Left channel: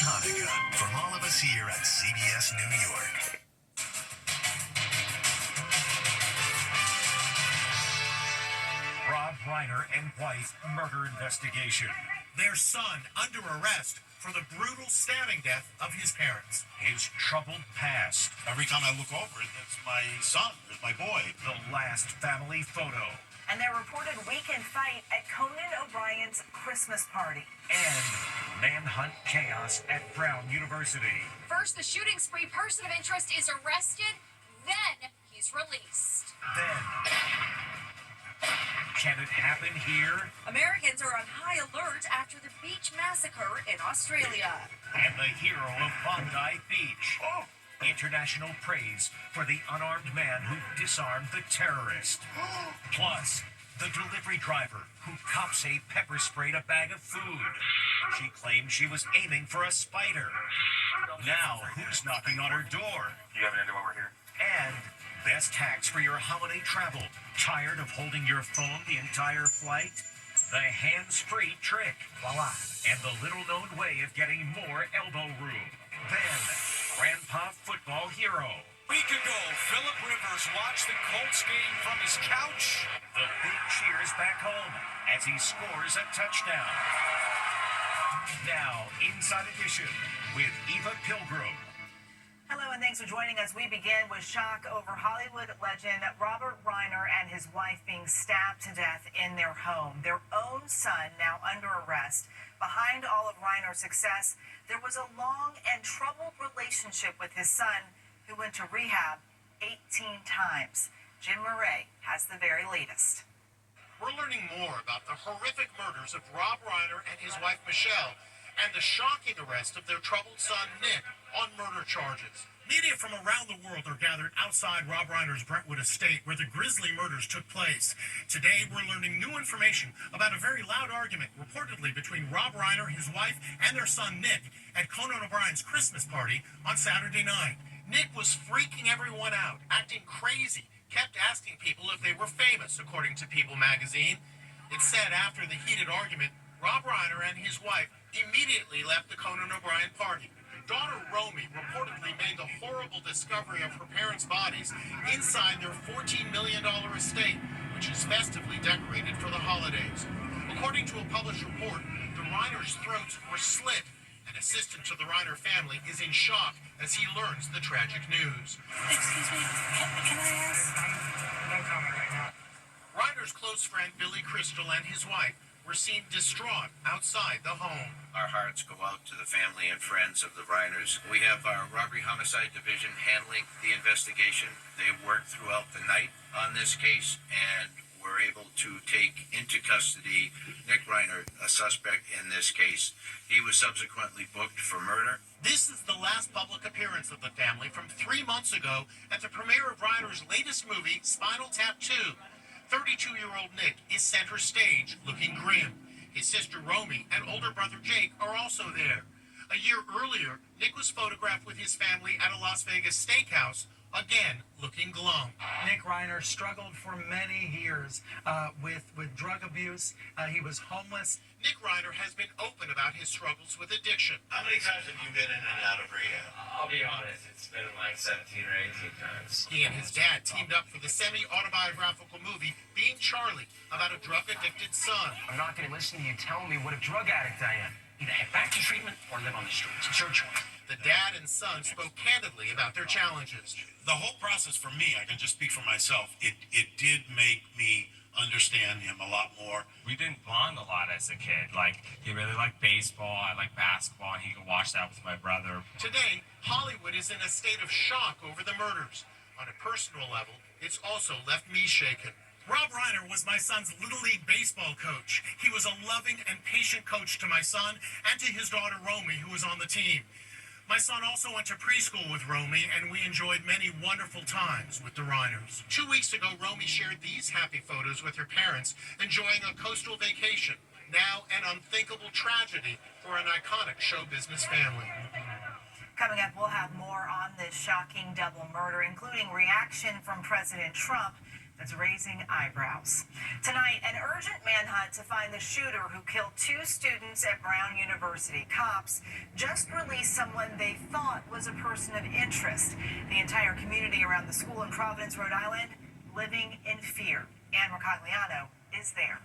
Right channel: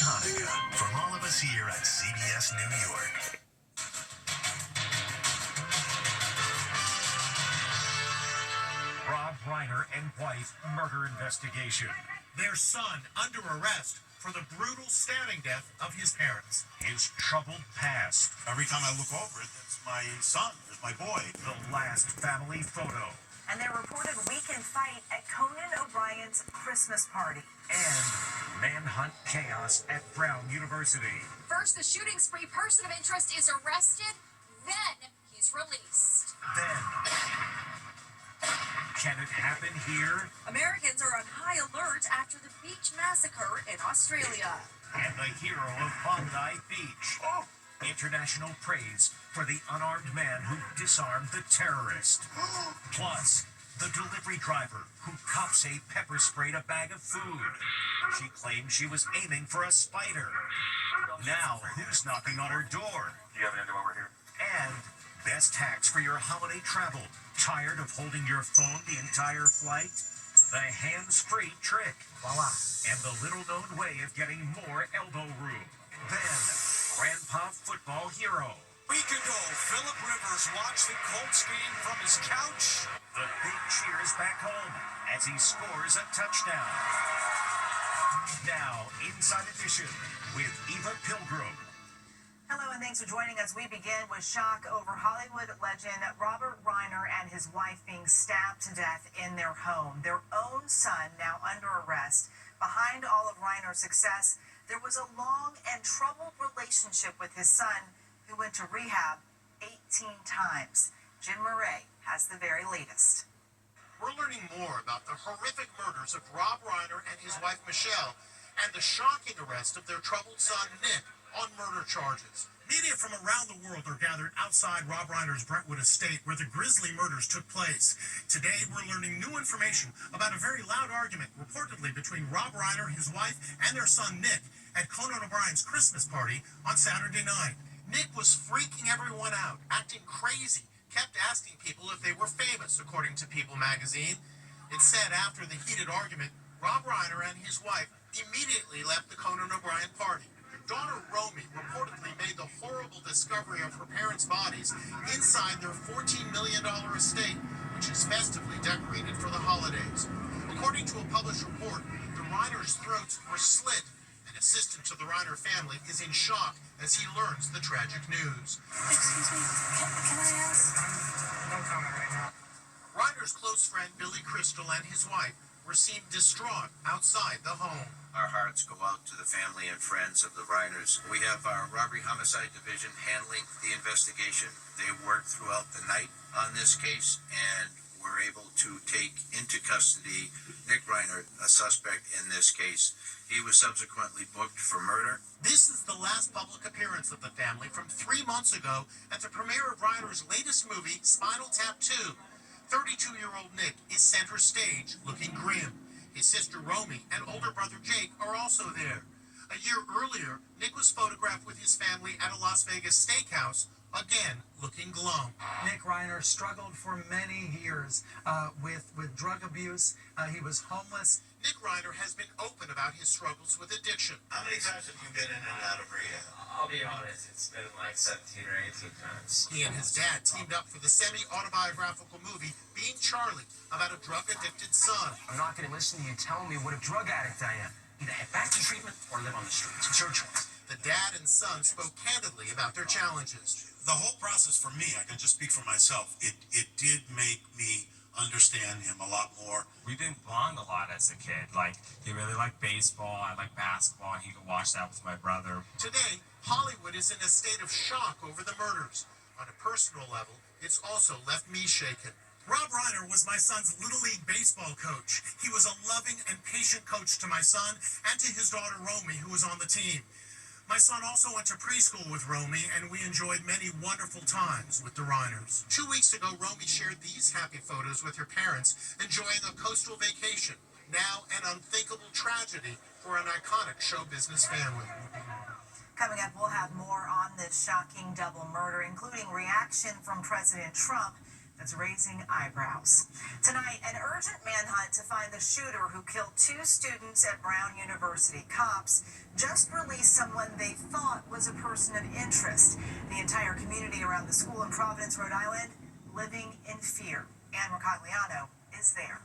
Hanukkah from all of us here at CBS New York. Rob Reiner and wife murder investigation. Their son under arrest for the brutal stabbing death of his parents. His troubled past. Every time I look over it, that's my son, that's my boy. The last family photo. And their reported weekend fight at Conan O'Brien's Christmas party. And manhunt chaos at Brown University. First, the shooting spree person of interest is arrested, then he's released. Then, can it happen here? Americans are on high alert after the beach massacre in Australia. And the hero of Bondi Beach. Oh! International praise for the unarmed man who disarmed the terrorist. Plus, the delivery driver who cops a pepper sprayed a bag of food. She claimed she was aiming for a spider. Now, who's knocking on her door? Do you have an idea why we're here? And best hacks for your holiday travel. Tired of holding your phone the entire flight? The hands-free trick. Voila. And the little-known way of getting more elbow room. Then, Grandpa Football Hero. Week ago, Phillip Rivers watched the Colts game from his couch. The big cheers back home as he scores a touchdown. Now, Inside Edition with Eva Pilgrim. Hello and thanks for joining us. We begin with shock over Hollywood legend Robert Reiner and his wife being stabbed to death in their home. Their own son now under arrest. Behind all of Reiner's success, there was a long and troubled relationship with his son who went to rehab 18 times. Jim Murray has the very latest. We're learning more about the horrific murders of Rob Reiner and his wife Michelle and the shocking arrest of their troubled son Nick on murder charges. Media from around the world are gathered outside Rob Reiner's Brentwood estate where the grisly murders took place. Today, we're learning new information about a very loud argument reportedly between Rob Reiner, his wife, and their son Nick at Conan O'Brien's Christmas party on Saturday night. Nick was freaking everyone out, acting crazy, kept asking people if they were famous, according to People magazine. It said after the heated argument, Rob Reiner and his wife immediately left the Conan O'Brien party. Daughter Romy reportedly made the horrible discovery of her parents' bodies inside their $14 million estate, which is festively decorated for the holidays. According to a published report, the Reiners' throats were slit. An assistant to the Reiner family is in shock as he learns the tragic news. Excuse me, can I ask? No comment right now. Reiner's close friend Billy Crystal and his wife were seen distraught outside the home. Our hearts go out to the family and friends of the Reiners. We have our Robbery Homicide Division handling the investigation. They worked throughout the night on this case and were able to take into custody Nick Reiner, a suspect in this case. He was subsequently booked for murder. This is the last public appearance of the family from 3 months ago at the premiere of Reiner's latest movie, Spinal Tap 2. 32-year-old Nick is center stage, looking grim. His sister Romy and older brother Jake are also there. A year earlier, Nick was photographed with his family at a Las Vegas steakhouse, again looking glum. Nick Reiner struggled for many years with drug abuse. He was homeless. Nick Reiner has been open about his struggles with addiction. How many times have you been in and out of rehab? I'll be honest, it's been like 17 or 18 times. He and his dad teamed up for the semi-autobiographical movie Being Charlie about a drug-addicted son. I'm not going to listen to you tell me what a drug addict I am. Either head back to treatment or live on the streets. It's your choice. The dad and son spoke candidly about their challenges. The whole process for me, I can just speak for myself, it did make me understand him a lot more. We didn't bond a lot as a kid. Like, he really liked baseball, I like basketball, and he could watch that with my brother. Today, Hollywood is in a state of shock over the murders. On a personal level, it's also left me shaken. Rob Reiner was my son's Little League baseball coach. He was a loving and patient coach to my son and to his daughter Romy, who was on the team. My son also went to preschool with Romy, and we enjoyed many wonderful times with the Reiners. 2 weeks ago, Romy shared these happy photos with her parents, enjoying a coastal vacation. Now, an unthinkable tragedy for an iconic show business family. Coming up, we'll have more on this shocking double murder, including reaction from President Trump. that's raising eyebrows. Tonight, an urgent manhunt to find the shooter who killed 2 students at Brown University. Cops just released someone they thought was a person of interest. The entire community around the school in Providence, Rhode Island, living in fear. Ann Mercogliano is there.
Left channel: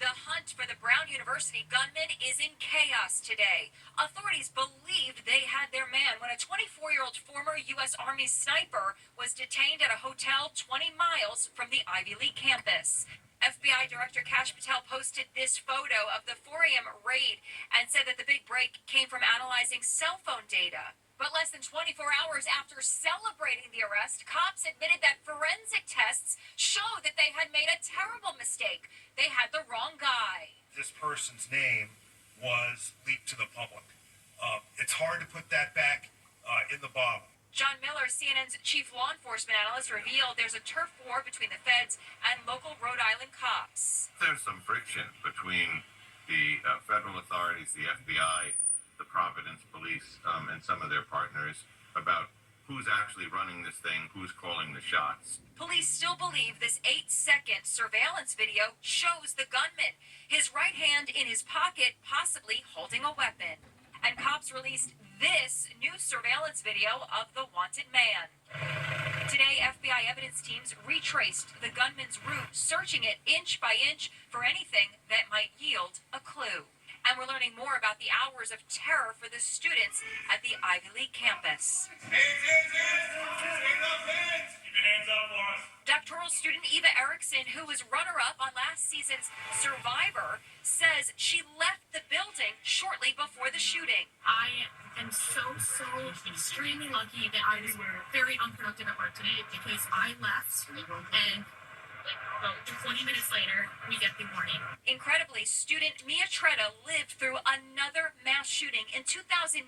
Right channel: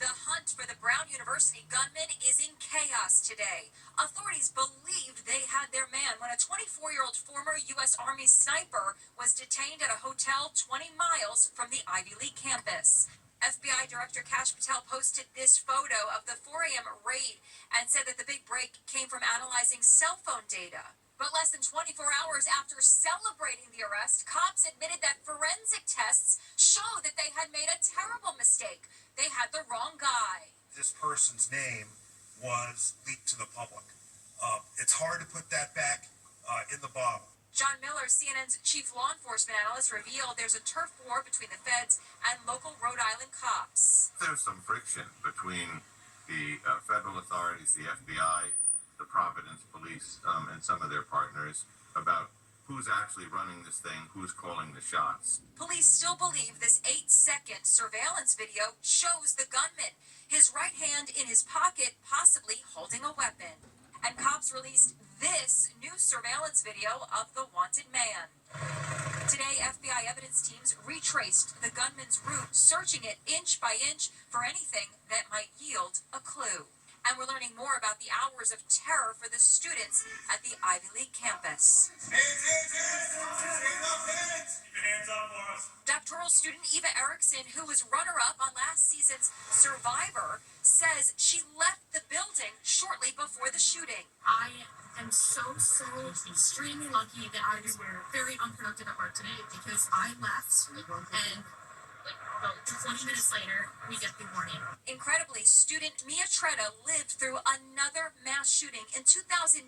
The hunt for the Brown University gunman is in chaos today. Authorities believed they had their man when a 24-year-old former U.S. Army sniper was detained at a hotel 20 miles from the Ivy League campus. FBI Director Kash Patel posted this photo of the 4 a.m. raid and said that the big break came from analyzing cell phone data. But less than 24 hours after celebrating the arrest, cops admitted that forensic tests show that they had made a terrible mistake. They had the wrong guy. This person's name was leaked to the public. It's hard to put that back in the bottle. John Miller, CNN's chief law enforcement analyst, revealed there's a turf war between the feds and local Rhode Island cops. There's some friction between the federal authorities, the FBI, the Providence Police, and some of their partners about who's actually running this thing, who's calling the shots. Police still believe this 8-second surveillance video shows the gunman, his right hand in his pocket, possibly holding a weapon. And cops released this new surveillance video of the wanted man. Today, FBI evidence teams retraced the gunman's route, searching it inch by inch for anything that might yield a clue. And we're learning more about the hours of terror for the students at the Ivy League campus. Doctoral student Eva Erickson, who was runner-up on last season's Survivor, says she left the building shortly before the shooting. I am so extremely lucky that I was very unproductive at work today because I left and about 20 minutes later, we get the warning. Incredibly, student Mia Tretta lived through another mass shooting in 2019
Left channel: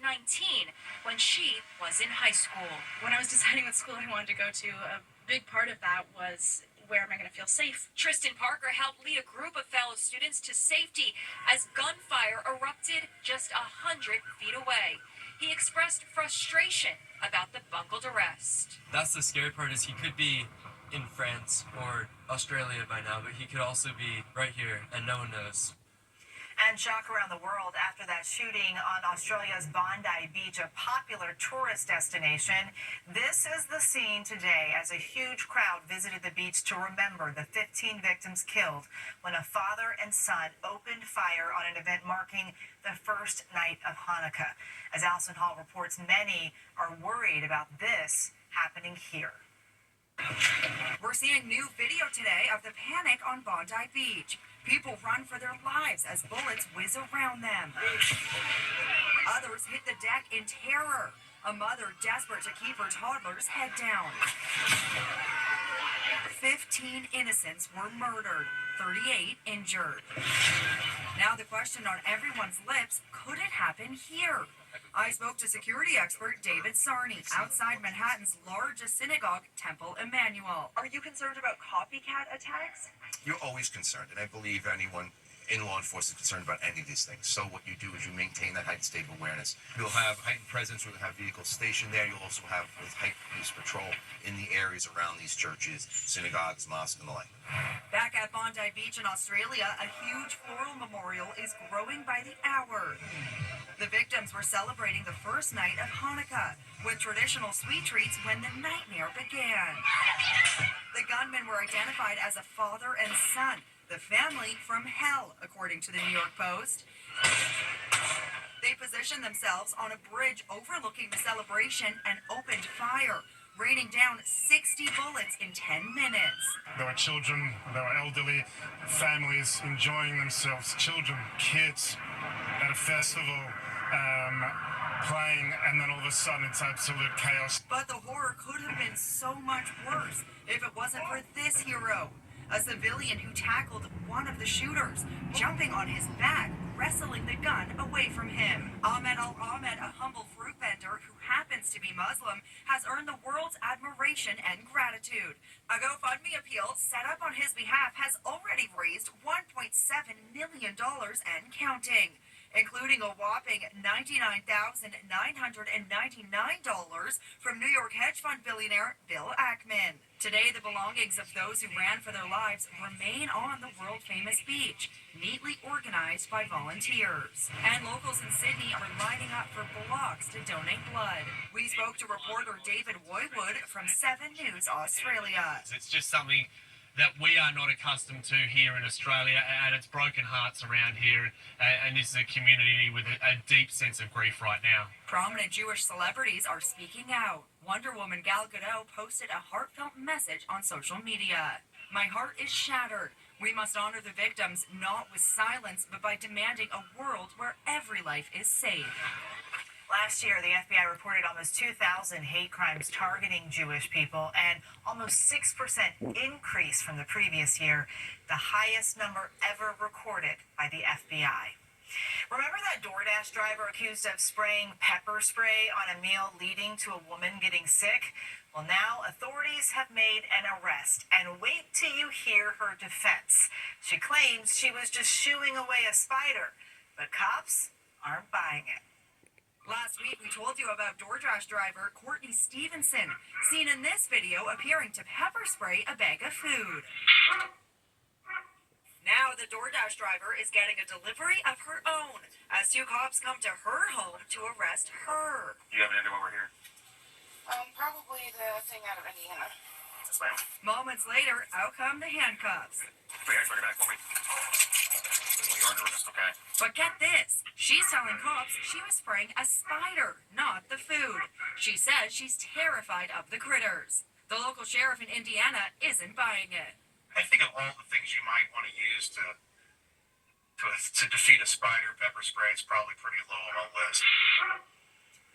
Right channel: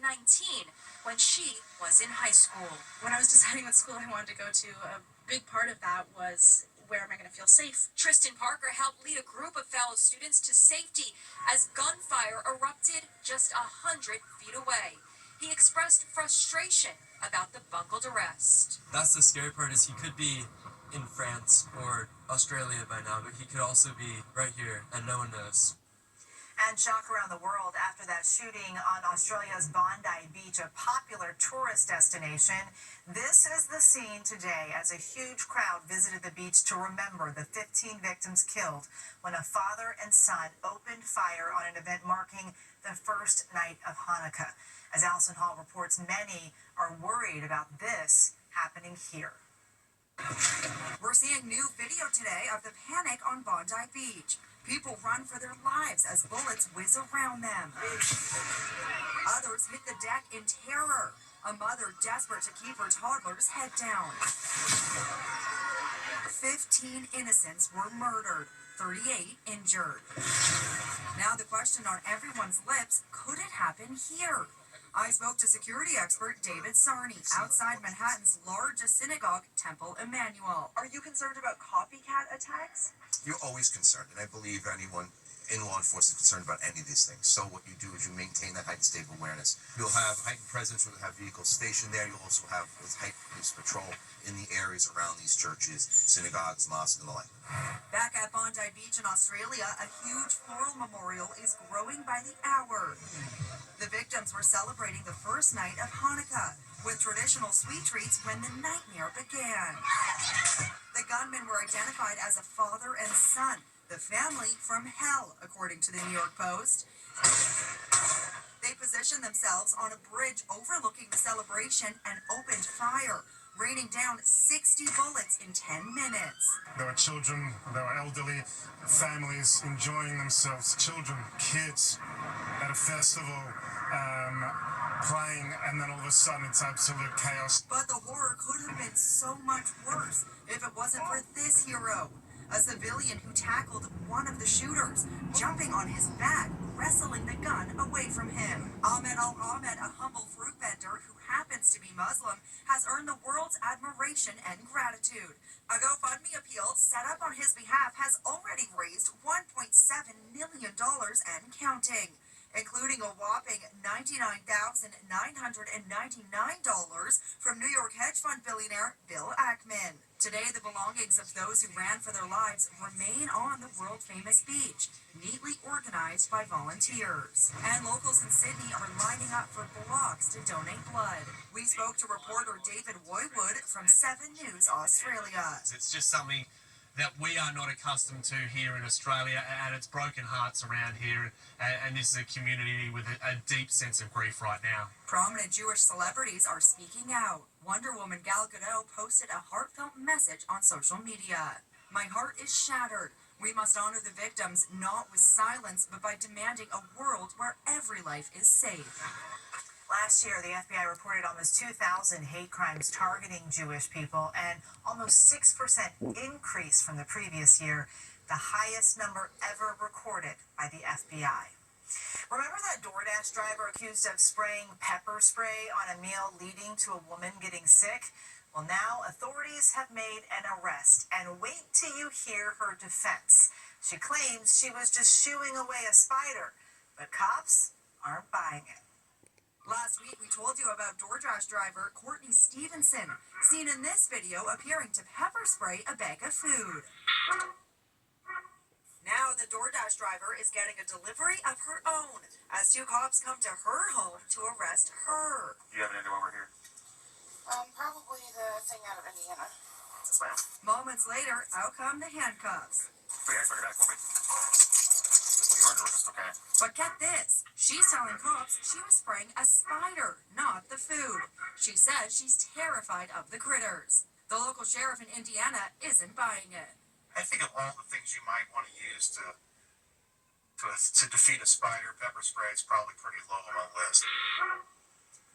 when she was in high school. When I was deciding what school I wanted to go to, a big part of that was where am I going to feel safe? Tristan Parker helped lead a group of fellow students to safety as gunfire erupted just 100 feet away. He expressed frustration about the bungled arrest. That's the scary part, is he could be in France or Australia by now, but he could also be right here and no one knows. And shock around the world after that shooting on Australia's Bondi Beach, a popular tourist destination. This is the scene today as a huge crowd visited the beach to remember the 15 victims killed when a father and son opened fire on an event marking the first night of Hanukkah. As Allison Hall reports, many are worried about this happening here. We're seeing new video today of the panic on Bondi Beach. People run for their lives as bullets whiz around them. Others hit the deck in terror. A mother desperate to keep her toddler's head down. 15 innocents were murdered, 38 injured. Now the question on everyone's lips, could it happen here? I spoke to security expert David Sarney outside Manhattan's largest synagogue, Temple Emmanuel. Are you concerned about copycat attacks? You're always concerned, and I believe anyone in law enforcement is concerned about any of these things. So what you do is you maintain that heightened state of awareness. You'll have heightened presence, you'll have vehicles stationed there. You'll also have heightened police patrol in the areas around these churches, synagogues, mosques, and the like. Back at Bondi Beach in Australia, a huge floral memorial is growing by the hour. The victims were celebrating the first night of Hanukkah with traditional sweet treats when the nightmare began. The gunmen were identified as a father and son, the family from hell, according to the New York Post. They positioned themselves on a bridge overlooking the celebration and opened fire, raining down 60 bullets in 10 minutes. There were children, there were elderly, families enjoying themselves, children, kids at a festival, playing, and then all of a sudden it's absolute chaos. But the horror could have been so much worse if it wasn't for this hero, a civilian who tackled one of the shooters, jumping on his back, wrestling the gun away from him. Ahmed Al-Ahmed, a humble fruit vendor who happens to be Muslim, has earned the world's admiration and gratitude. A GoFundMe appeal set up on his behalf has already raised $1.7 million and counting. including a whopping $99,999 from New York hedge fund billionaire Bill Ackman. Today, the belongings of those who ran for their lives remain on the world-famous beach, neatly organized by volunteers. And locals in Sydney are lining up for blocks to donate blood. We spoke to reporter David Woywood from 7 News Australia. It's just something that we are not accustomed to here in Australia, and it's broken hearts around here, and this is a community with a deep sense of grief right now. Prominent Jewish celebrities are speaking out. Wonder Woman Gal Gadot posted a heartfelt message on social media. "My heart is shattered. We must honor the victims not with silence, but by demanding a world where every life is safe." Last year, the FBI reported almost 2,000 hate crimes targeting Jewish people and almost 6% increase from the previous year, the highest number ever recorded by the FBI. Remember that DoorDash driver accused of spraying pepper spray on a meal leading to a woman getting sick? Well, now authorities have made an arrest, and wait till you hear her defense. She claims she was just shooing away a spider, but cops aren't buying it. Last week, we told you about DoorDash driver Courtney Stevenson, seen in this video appearing to pepper spray a bag of food. Now, the DoorDash driver is getting a delivery of her own as 2 cops come to her home to arrest her. Do you have an idea why we're here? Probably the thing out of Indiana. Yes, ma'am. Moments later, out come the handcuffs. Put your hands back for me. You're under arrest, okay? But get this, she's telling cops she was spraying a spider, not the food. She says she's terrified of the critters. The local sheriff in Indiana isn't buying it. I think of all the things you might want to use to defeat a spider, pepper spray is probably pretty low on my list.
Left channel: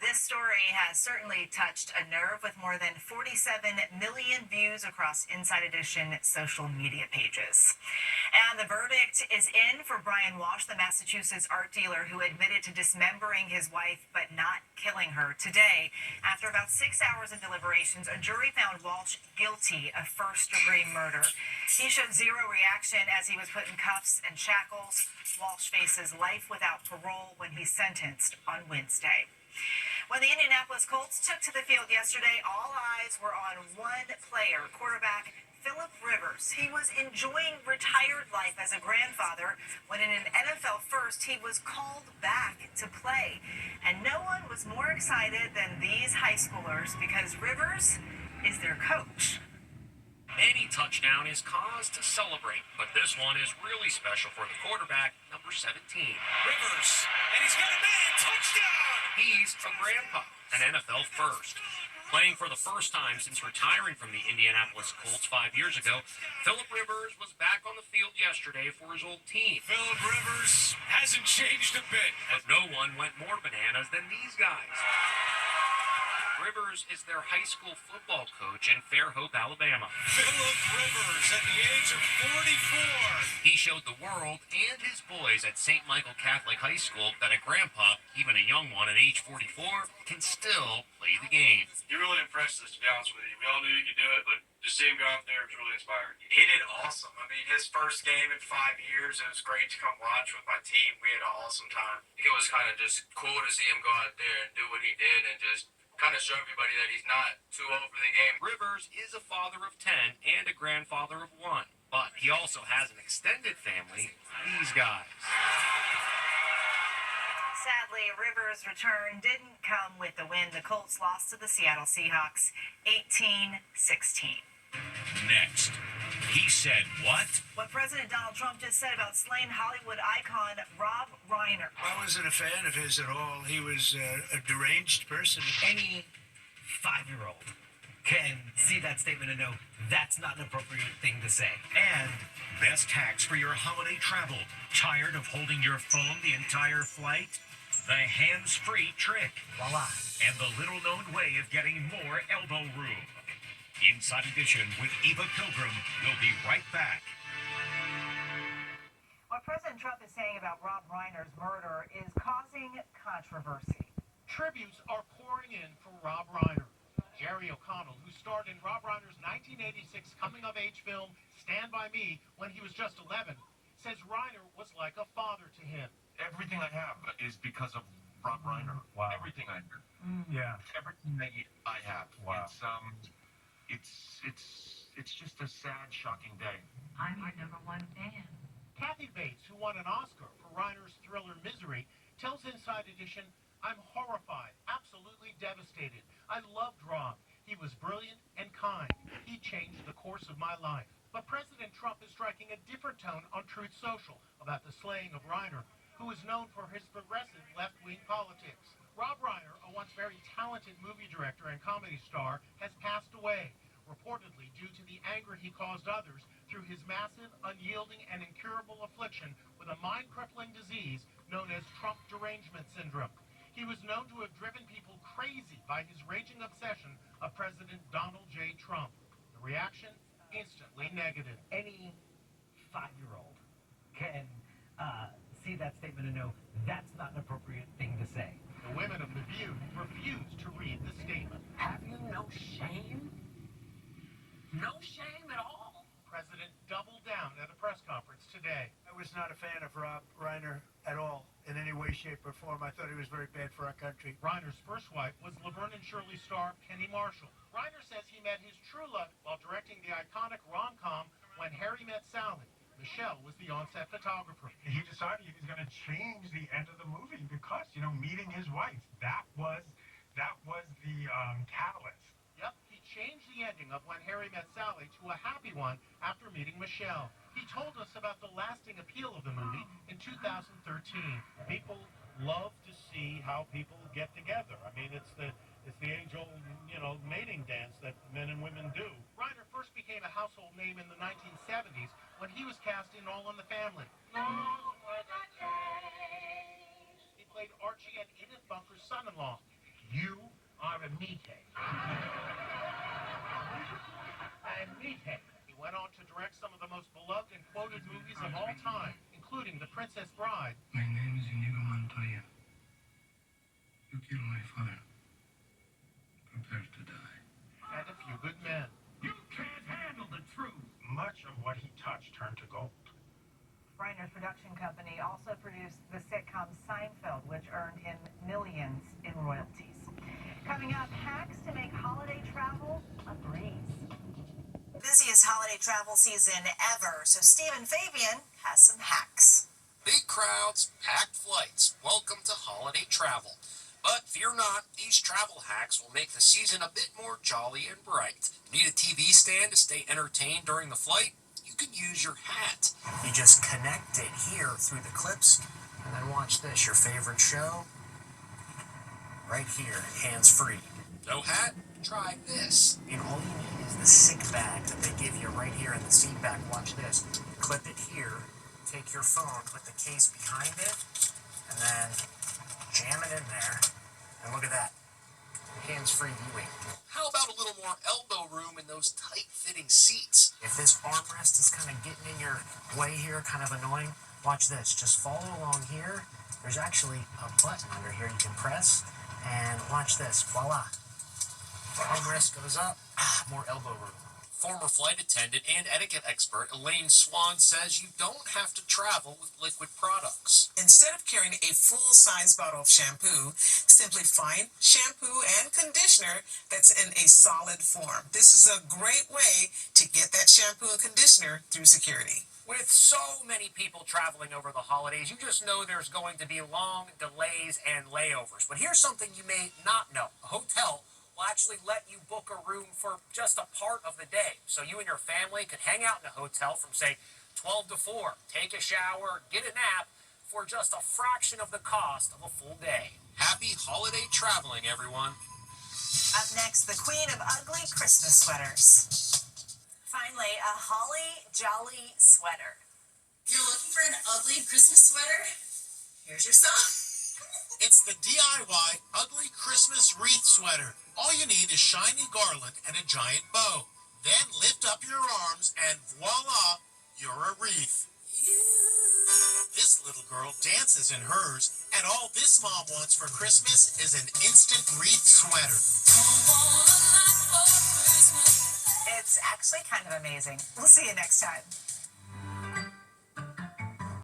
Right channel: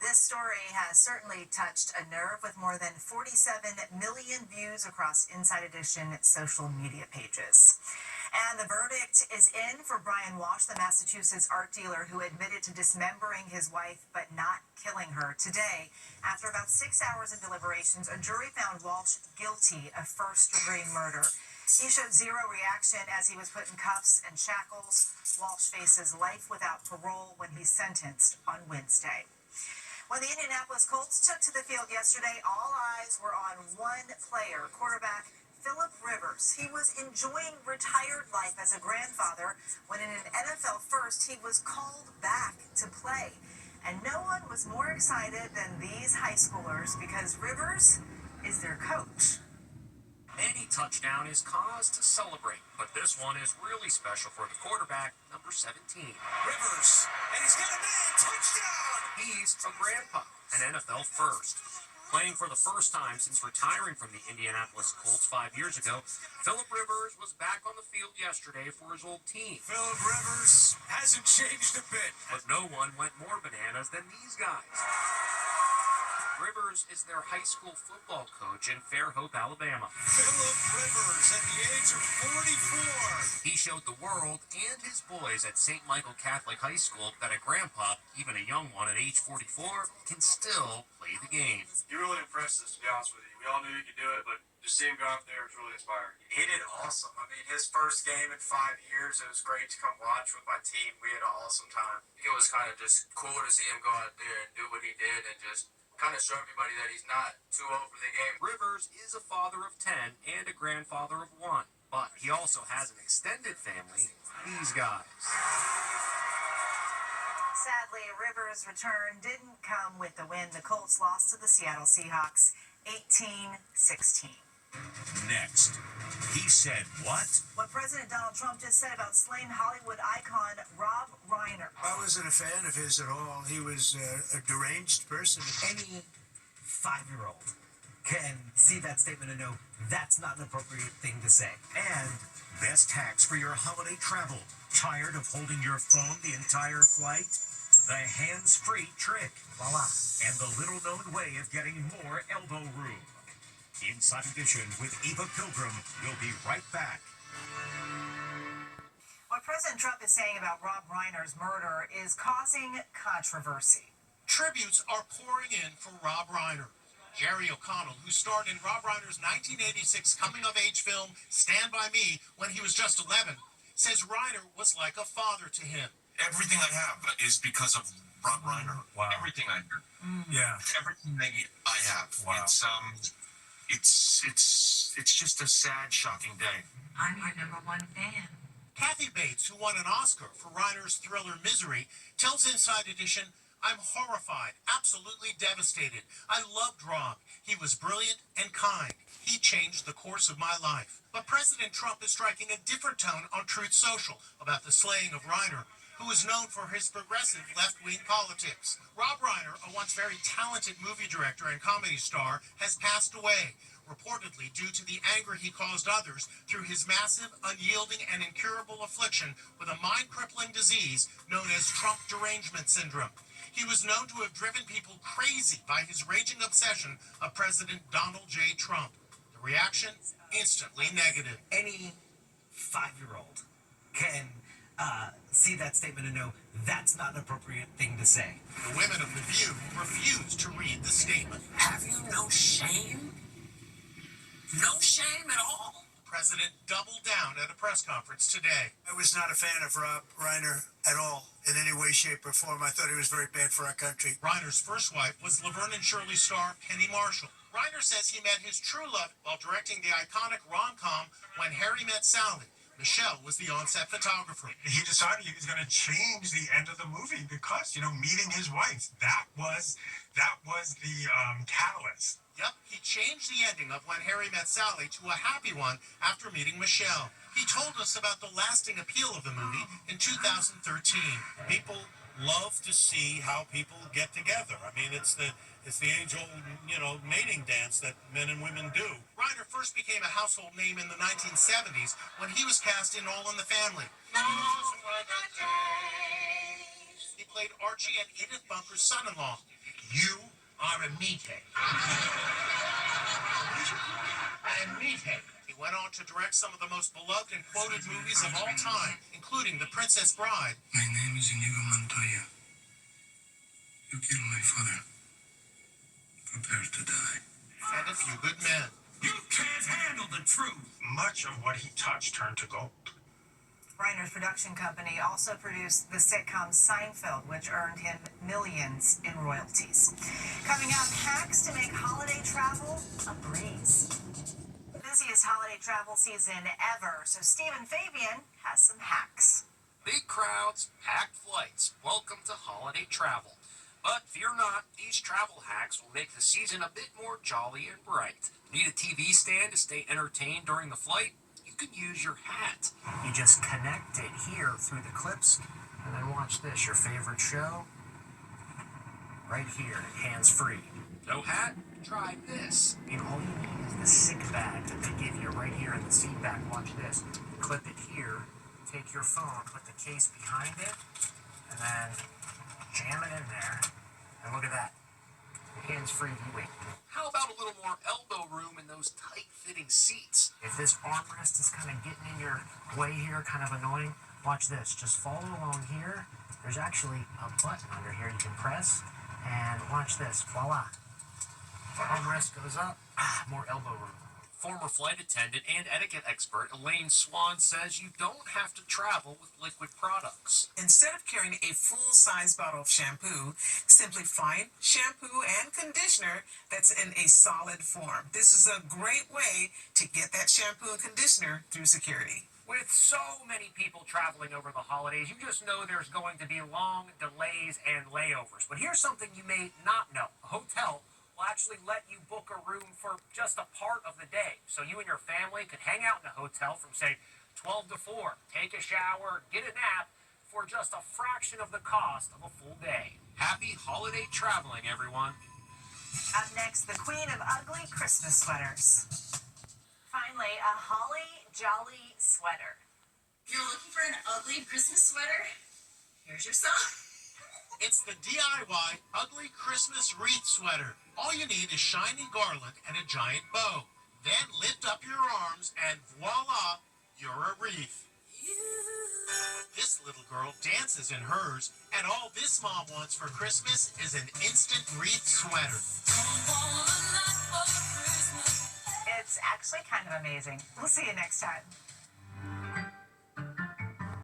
This story has certainly touched a nerve with more than 47 million views across Inside Edition social media pages. And the verdict is in for Brian Walsh, the Massachusetts art dealer who admitted to dismembering his wife but not killing her. Today, after about 6 hours of deliberations, a jury found Walsh guilty of first-degree murder. He showed zero reaction as he was put in cuffs and shackles. Walsh faces life without parole when he's sentenced on Wednesday. When the Indianapolis Colts took to the field yesterday, all eyes were on one player, quarterback Philip Rivers. He was enjoying retired life as a grandfather when in an NFL first he was called back to play. And no one was more excited than these high schoolers because Rivers is their coach. Any touchdown is cause to celebrate, but this one is really special for the quarterback, number 17. Rivers, and he's got a man, touchdown! He's a grandpa, an NFL first. Playing for the first time since retiring from the Indianapolis Colts 5 years ago, Philip Rivers was back on the field yesterday for his old team. Philip Rivers hasn't changed a bit. But no one went more bananas than these guys. Rivers is their high school football coach in Fairhope, Alabama. Philip Rivers at the age of 44. He showed the world and his boys at St. Michael Catholic High School that a grandpa, even a young one at age 44, can still play the game. You really impressed us, to be honest with you. We all knew you could do it, but just seeing him go out there was really inspiring. He did awesome. I mean, his first game in 5 years, it was great to come watch with my team. We had an awesome time. It was kind of just cool to see him go out there and do what he did and just kind of show everybody that he's not too old for the game. Rivers is a father of 10 and a grandfather of 1, but he also has an extended family, these guys. Sadly, Rivers' return didn't come with the win. The Colts lost to the Seattle Seahawks 18-16. Next, he said what? What President Donald Trump just said about slain Hollywood icon Rob Reiner. I wasn't a fan of his at all. He was a deranged person. Any 5-year-old can see that statement and know that's not an appropriate thing to say. And best hacks for your holiday travel. Tired of holding your phone the entire flight? The hands-free trick. Voila. And the little-known way of getting more elbow room. Inside Edition with Eva Pilgrim. We'll be right back. What President Trump is saying about Rob Reiner's murder is causing controversy. Tributes are pouring in for Rob Reiner. Jerry O'Connell, who starred in Rob Reiner's 1986 coming-of-age film Stand By Me when he was just 11, says Reiner was like a father to him. Everything I have is because of Rob Reiner. Wow. Everything I do. Yeah. Everything that I have. Wow. It's just a sad, shocking day. I'm your #1 fan. Kathy Bates, who won an Oscar for Reiner's thriller Misery, tells Inside Edition, "I'm horrified, absolutely devastated. I loved Rob. He was brilliant and kind. He changed the course of my life." But President Trump is striking a different tone on Truth Social about the slaying of Reiner, who is known for his progressive left-wing politics. Rob Reiner, a once very talented movie director and comedy star, has passed away, reportedly due to the anger he caused others through his massive, unyielding, and incurable affliction with a mind-crippling disease known as Trump derangement syndrome. He was known to have driven people crazy by his raging obsession of President Donald J. Trump. The reaction? Instantly negative. Any 5-year-old can see that statement and know that's not an appropriate thing to say. The women of The View refused to read the statement. Have you no shame? No shame at all? President doubled down at a press conference today. I was not a fan of Rob Reiner at all, in any way, shape, or form. I thought he was very bad for our country. Reiner's first wife was Laverne and Shirley star Penny Marshall. Reiner says he met his true love while directing the iconic rom-com When Harry Met Sally. Michelle was the on-set photographer. He decided he was going to change the end of the movie because, meeting his wife, that was the catalyst. Yep, he changed the ending of When Harry Met Sally to a happy one after meeting Michelle. He told us about the lasting appeal of the movie in 2013. People love to see how people get together. I mean, it's the age-old, mating dance that men and women do. Reiner first became a household name in the 1970s when he was cast in All in the Family. He played Archie and Edith Bunker's son-in-law. You are a meathead. A meathead. He went on to direct some of the most beloved and quoted movies of all time, including The Princess Bride. My name is Inigo Montoya. You killed my father. Prepare to die. And A Few Good Men. You can't handle the truth. Much of what he touched turned to gold. Reiner's production company also produced the sitcom Seinfeld, which earned him millions in royalties. Coming up, hacks to make holiday travel a breeze. The busiest holiday travel season ever, so Stephen Fabian has some hacks. Big crowds, packed flights. Welcome to holiday travel. But fear not, these travel hacks will make the season a bit more jolly and bright. Need a TV stand to stay entertained during the flight? You can use your hat. You just connect it here through the clips, and then watch this, your favorite show, right here, hands-free. No hat? Try this. And all you need is the sick bag that they give you right here in the seat back. Watch this. Clip it here, take your phone, put the case behind it, and then jam it in there, and look at that. Hands-free viewing. How about a little more elbow room in those tight-fitting seats? If this armrest is kind of getting in your way here, kind of annoying, watch this. Just follow along here. There's actually a button under here you can press, and watch this. Voila. Armrest goes up, more elbow room. Former flight attendant and etiquette expert Elaine Swan says you don't have to travel with liquid products. Instead of carrying a full-size bottle of shampoo, simply find shampoo and conditioner that's in a solid form. This is a great way to get that shampoo and conditioner through security. With so many people traveling over the holidays, you just know there's going to be long delays and layovers. But here's something you may not know. A hotel will actually let you book a room for just a part of the day. So you and your family could hang out in a hotel from, say, 12 to 4, take a shower, get a nap for just a fraction of the cost of a full day. Happy holiday traveling, everyone. Up next, the queen of ugly Christmas sweaters. Finally, a holly jolly sweater. You're looking for an ugly Christmas sweater? Here's your song. It's the DIY Ugly Christmas Wreath Sweater. All you need is shiny garland and a giant bow. Then lift up your arms and voila, you're a wreath. This little girl dances in hers, and all this mom wants for Christmas is an instant wreath sweater. It's actually kind of amazing. We'll see you next time.